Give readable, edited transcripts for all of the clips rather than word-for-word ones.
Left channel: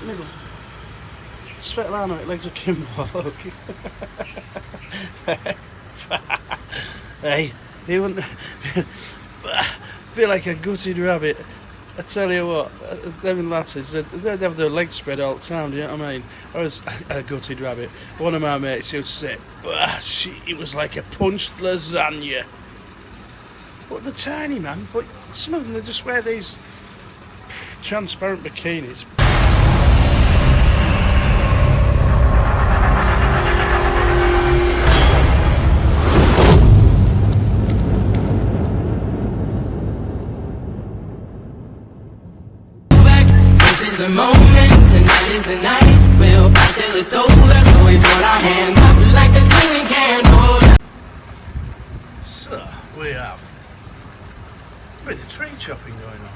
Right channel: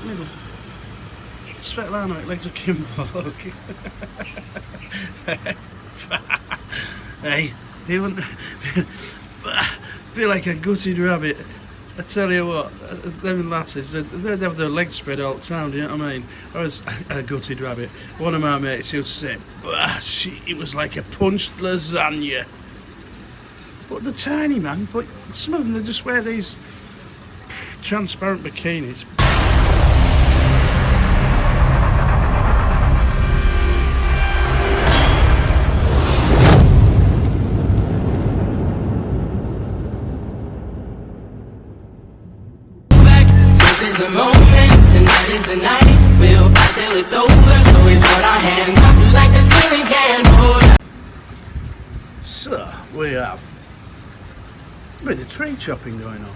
little. Svetlana, it legs a Kimbo. Hey, you wouldn't feel like a gutted rabbit. I tell you what, them lasses, they'd have their legs spread all the time, do you know what I mean? I was a gutted rabbit. One of my mates used to say, it was like a punched lasagna. But they're tiny, man, but some of them, they just wear these transparent bikinis. This is the moment, tonight is the night. We'll fight till it's over, so we put our hands up like a ceiling candle. So, we have a bit of tree chopping going on.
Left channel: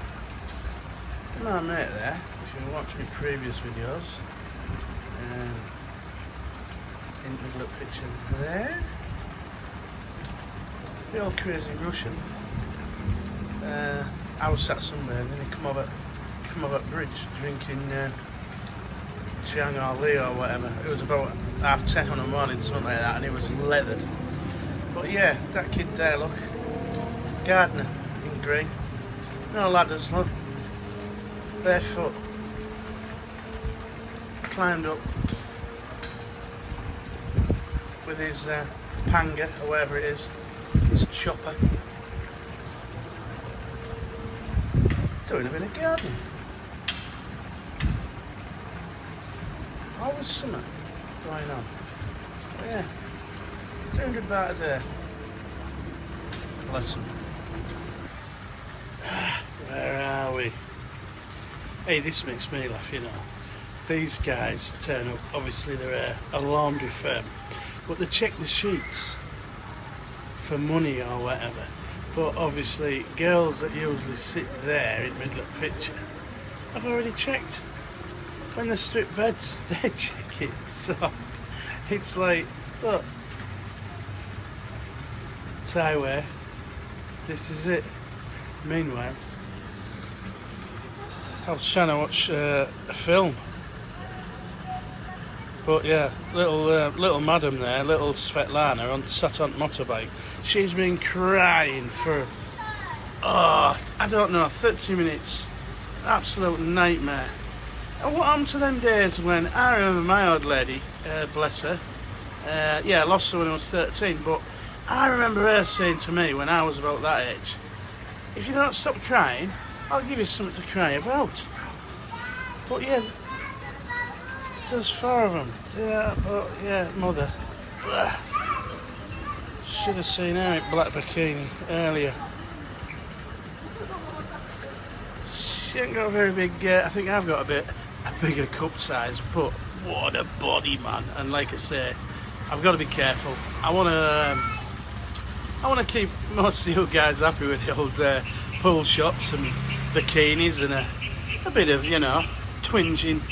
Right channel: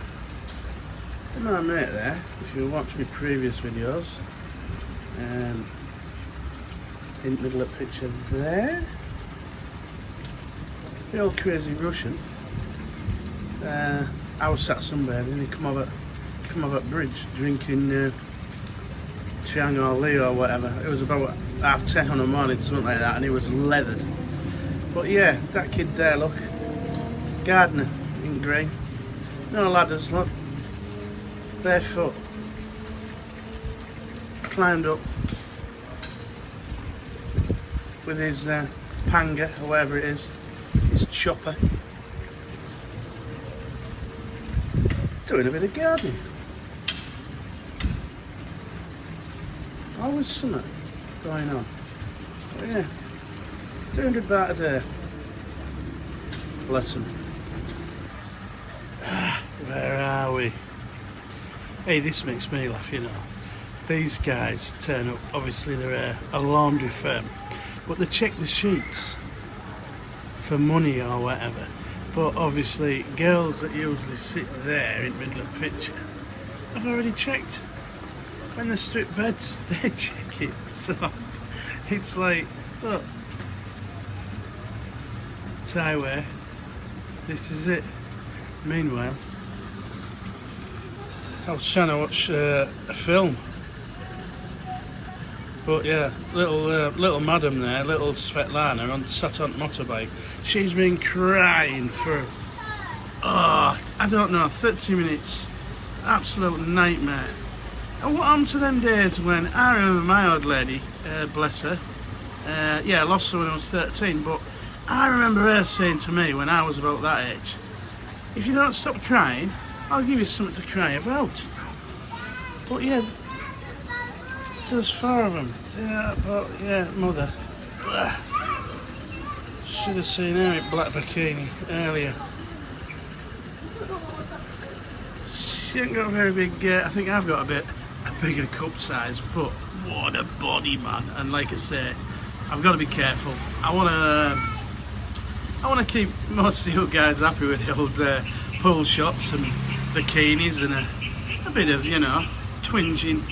My mate there, if you watch my previous videos, in the middle of the picture there, the old crazy Russian. I was sat sunbathing, he come over bridge drinking Chiang or Lee or whatever. It was about 10:30 in the morning, something like that, and he was leathered. But yeah, that kid there, look, gardener in green, no ladders, look, barefoot, climbed up with his panga or whatever it is, his chopper, doing a bit of gardening. Always something going on. But yeah, 300 baht a day. Bless them. Where are we? Hey, this makes me laugh, you know. These guys turn up, obviously they're a laundry firm, but they check the sheets for money or whatever. But obviously girls that usually sit there in the middle of the picture, I've already checked. When they strip beds, they check it. So it's like, look, tie wear, this is it. Meanwhile, I was trying to watch a film, but yeah, little madam there, little Svetlana, sat on the motorbike. She's been crying for, I don't know, 30 minutes. Absolute nightmare. And what happened to them days when I remember my old lady, bless her, yeah, I lost her when I was 13, but I remember her saying to me when I was about that age, if you don't stop crying, I'll give you something to cry about. But yeah, there's 4 of them. Yeah, but yeah, mother. Should have seen her in black bikini earlier. She ain't got a very big, I think I've got a bigger cup size, but what a body, man. And like I say, I've got to be careful. I want to keep most of you guys happy with the old pool shots and bikinis and a bit of, you know, twinging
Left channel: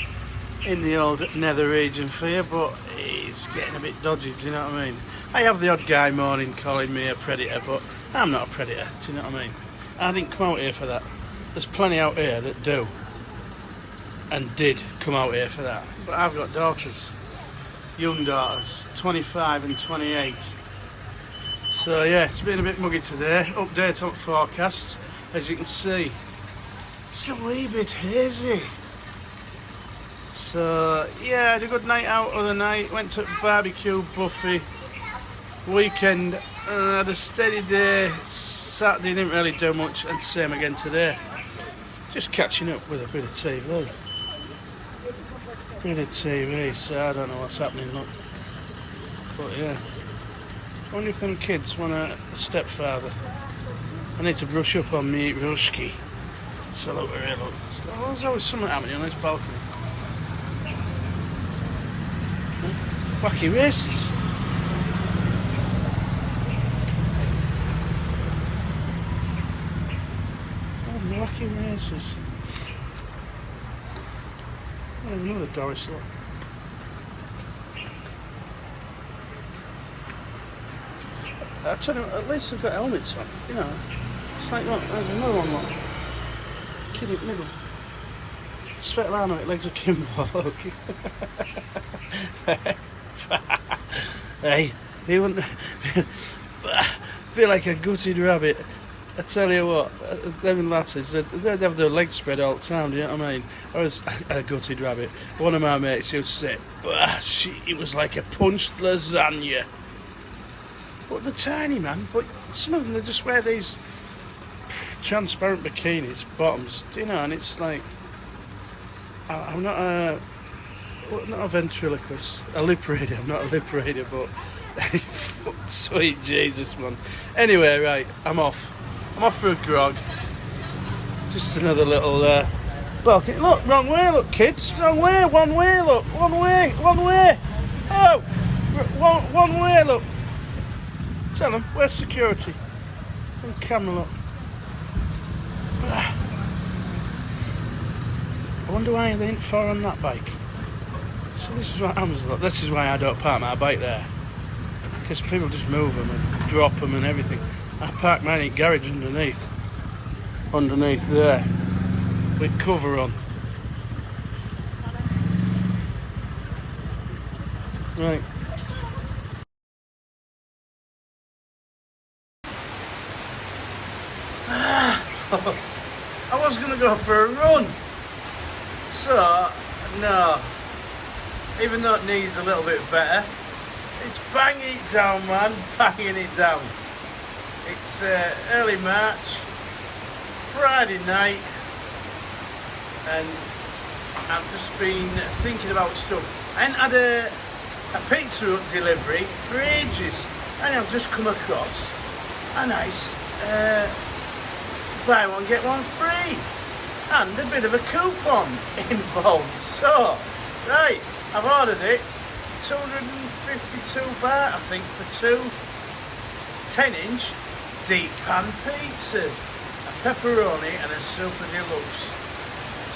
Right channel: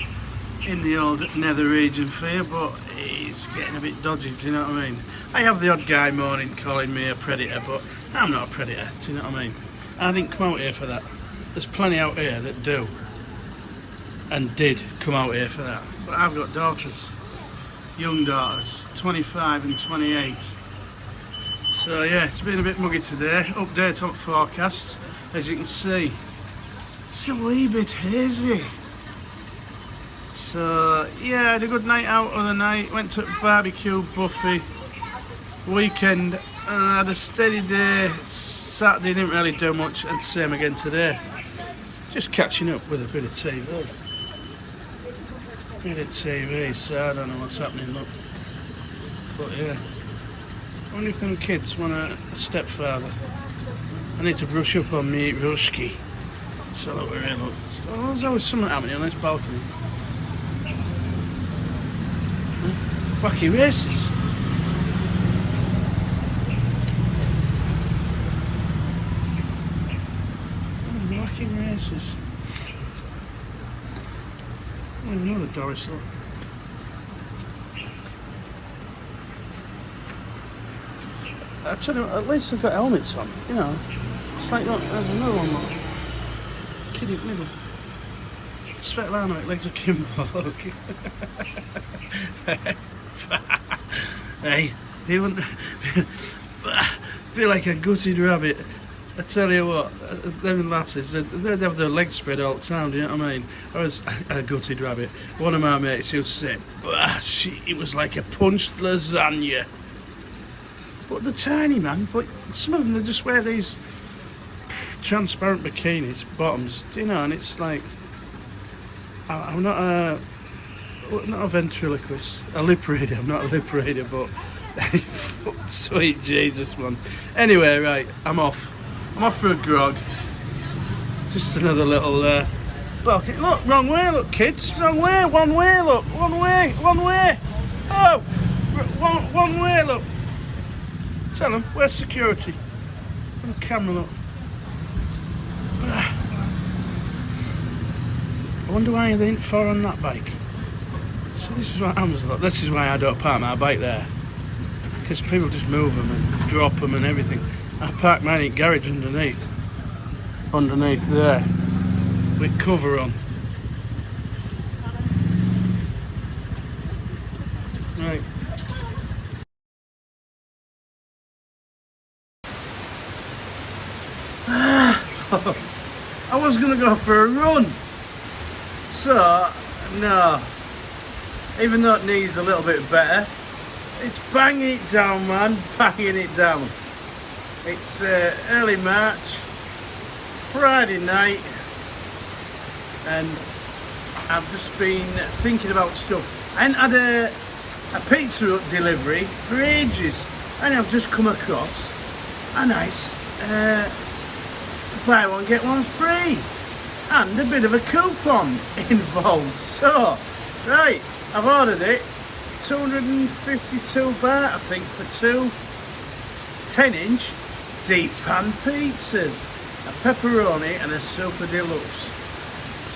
in the old nether region for you, but it's getting a bit dodgy, do you know what I mean? I have the odd guy morning calling me a predator, but I'm not a predator, do you know what I mean? I didn't come out here for that. There's plenty out here that do and did come out here for that, but I've got daughters, young daughters, 25 and 28. So yeah, it's been a bit muggy today. Update on forecast, as you can see, it's a wee bit hazy. So yeah, I had a good night out the other night, went to barbecue buffet, weekend, had a steady day. Saturday didn't really do much, and same again today. Just catching up with a bit of TV. So I don't know what's happening, look. But yeah, I wonder if them kids want a stepfather. I need to brush up on me Ruski. So look, we're here, look. So there's always something happening on this balcony. Wacky races. Wacky races. Another Doris, look. I tell you what, at least they've got helmets on, you know. It's like, look, there's another one, look. Kitty little. Svetlana, it legs a Kimbo, look. Hey, you wouldn't feel like a gutted rabbit. I tell you what, them lasses, they'd have their legs spread all the time, do you know what I mean? I was a gutted rabbit. One of my mates used to say, it was like a punched lasagna. But they're tiny, man, but some of them, they just wear these transparent bikinis, bottoms, you know, and it's like, I'm not a ventriloquist, a lip reader, I'm not a lip reader, but sweet Jesus, man. Anyway, right, I'm off for a grog. Just another little bucket. Look, wrong way, look, kids, wrong way, one way, look, one way, oh, one way, look. Tell them, where's security? On the camera, look. I wonder why they ain't far on that bike. So this is what happens, look. This is why I don't park my bike there. Because people just move them and drop them and everything. I park mine in garage underneath there, with cover on. Right. I was going to go for a run, so no, even though it needs a little bit better, it's banging it down, man, banging it down. It's early March, Friday night, and I've just been thinking about stuff. I hadn't had a pizza delivery for ages, and I've just come across a nice buy one get one free, and a bit of a coupon involved. So, right, I've ordered it, 252 baht, I think, for two 10-inch deep pan pizzas, a pepperoni and a super deluxe.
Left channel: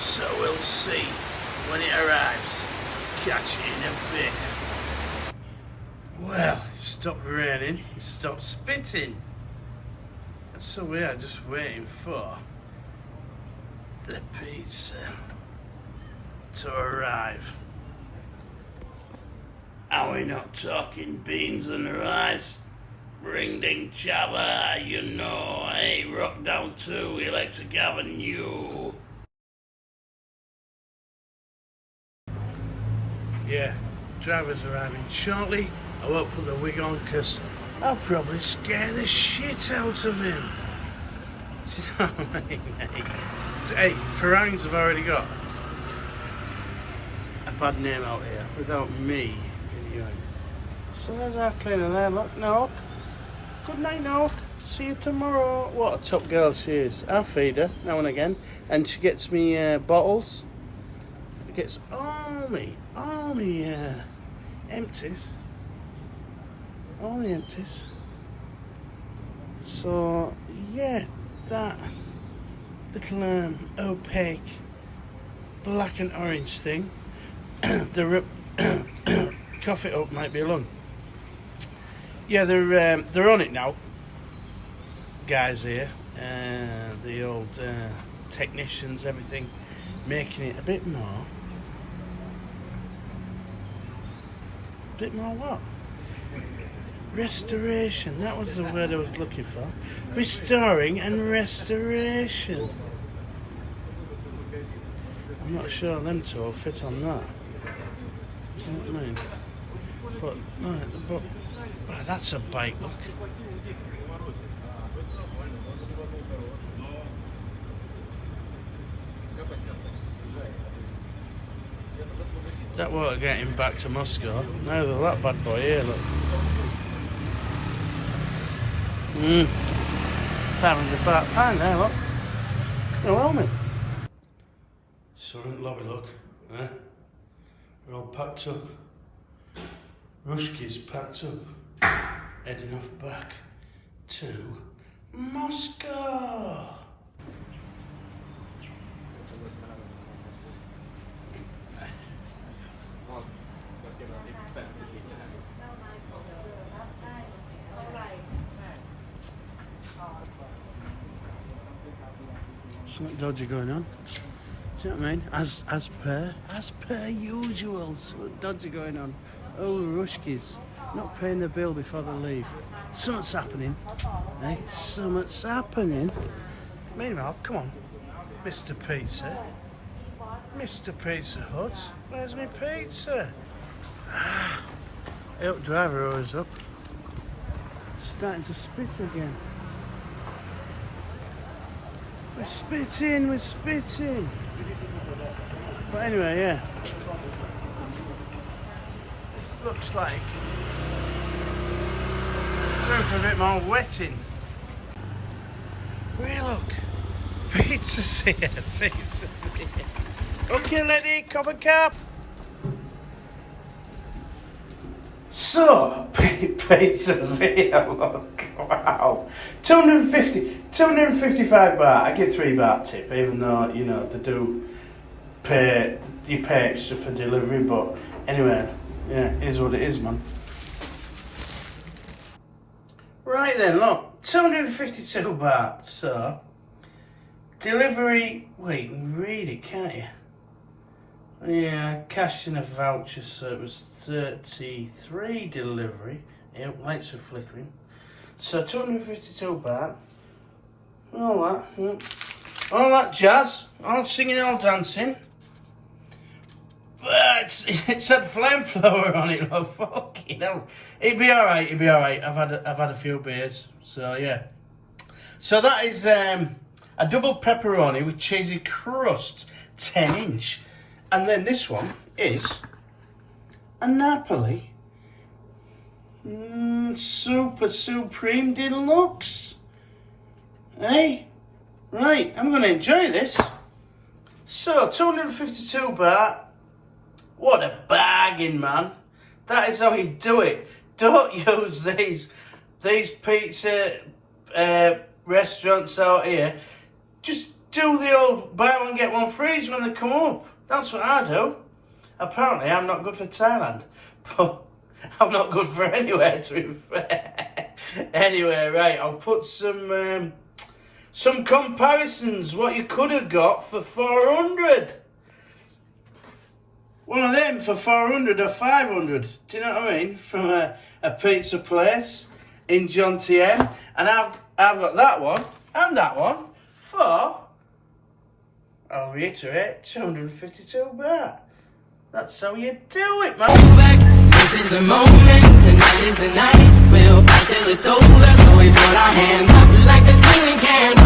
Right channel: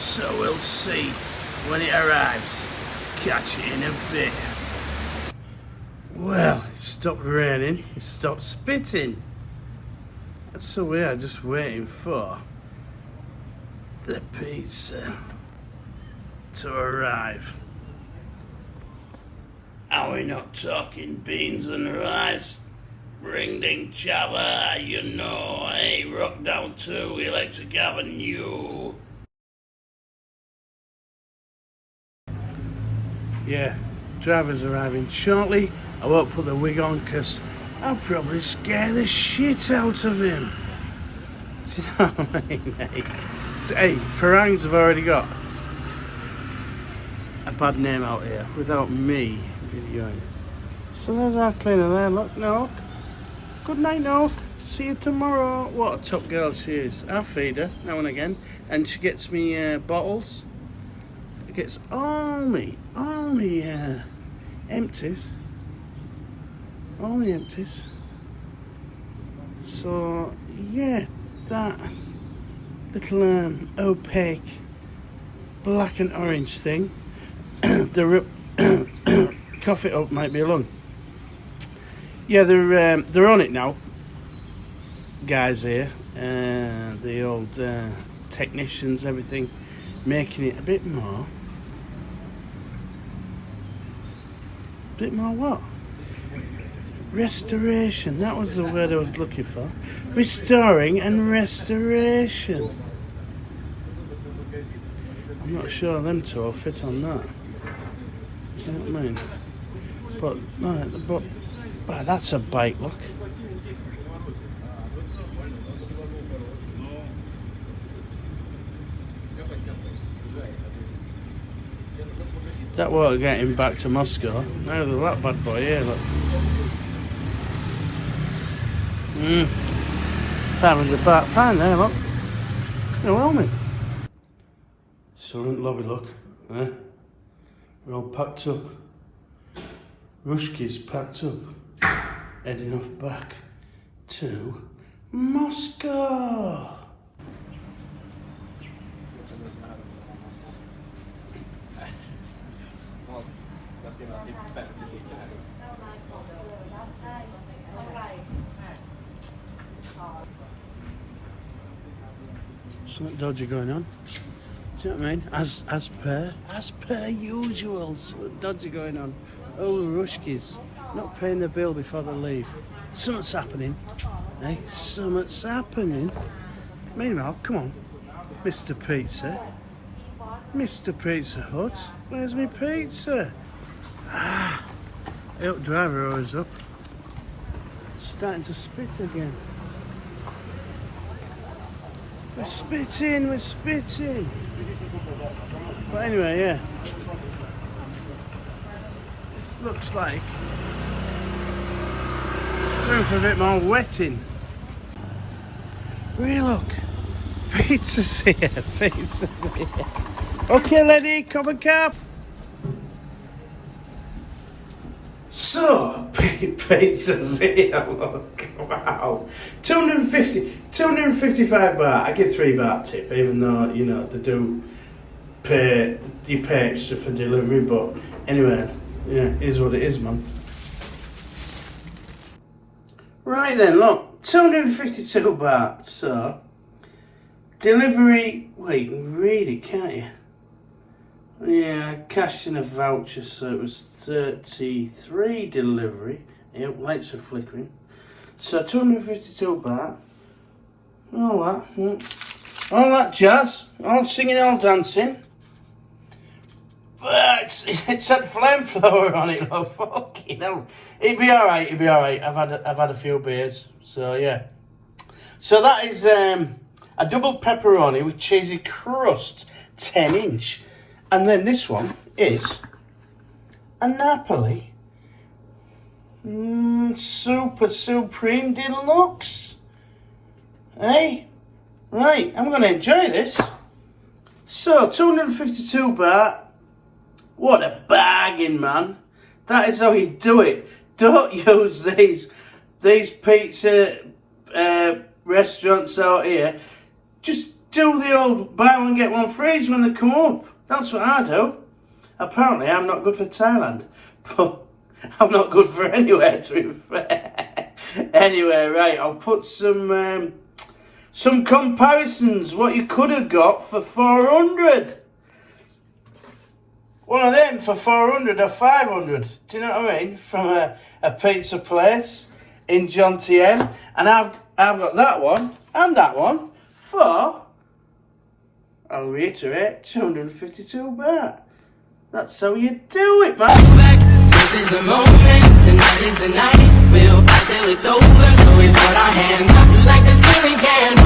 So we'll see when it arrives. Catch it in a bit. Well, it stopped raining, it stopped spitting. So we are just waiting for the pizza to arrive. Are we not talking beans and rice? Ring ding chava, you know, hey, rock down to Electric Avenue. Yeah, driver's arriving shortly. I won't put the wig on because I'll probably scare the shit out of him. Do you know what I mean, mate? Hey, Farangs have already got a bad name out here without me videoing. So there's our cleaner there, look, Nook. Good night, Nook. See you tomorrow. What a top girl she is. I feed her now and again, and she gets me bottles. Gets all me empties. All the empties. So yeah, that little opaque black and orange thing. The cough it up might be along. Yeah, they're on it now, guys here. The old technicians, everything, making it a bit more what? Restoration, that was the word I was looking for. Restoring and restoration. I'm not sure them two will fit on that. Do you know what I mean? But wow, that's a bike, look. That won't get him back to Moscow. Now that bad boy here, look. £500 baht, fine there, look. No helmet. Excellent lobby, look. We're all packed up. Rushki's packed up. Heading off back to Moscow. Something dodgy going on. Do you know what I mean? As per usual. Something dodgy going on. Oh, Rushkis, not paying the bill before they leave. Something's happening. Eh? Something's happening. Meanwhile, come on, Mr. Pizza. Mr. Pizza Hut, where's my pizza? Ah, help driver always up. Starting to spit again. We're spitting. But anyway, yeah. Looks like room for a bit more wetting. Really, look. Pizza's here. Okay, lady, cup and cap. So, pizza's here, look. Wow. 255 baht. I give 3 baht tip, even though, you know, they do pay, you pay extra for delivery, but anyway, yeah, it is what it is, man. Right then, look, 252 baht, so, delivery, well, you can read it, can't you? Yeah, cashed in a voucher, so it was 33 delivery. Yeah, lights are flickering. So 252 baht. All that jazz, all singing, all dancing. But it's had flamethrower on it, oh fucking hell. It'll be alright, I've had a few beers, so yeah. So that is a double pepperoni with cheesy crust, 10-inch. And then this one is a Napoli Super Supreme Deluxe. Hey, right, I'm going to enjoy this. So, 252 baht. What a bargain, man. That is how you do it. Don't use these pizza restaurants out here. Just do the old buy one get one free when they come up. That's what I do. Apparently, I'm not good for Thailand, but I'm not good for anywhere, to be fair. Anyway, right, I'll put some comparisons. What you could have got for 400. One of them for 400 or 500. Do you know what I mean? From a pizza place in Jomtien, and I've got that one and that one for, I'll reiterate, 252 baht. That's how you do it, man. This is the moment, tonight is the night. We'll fight till it's over, so we put our hands up like a ceiling can.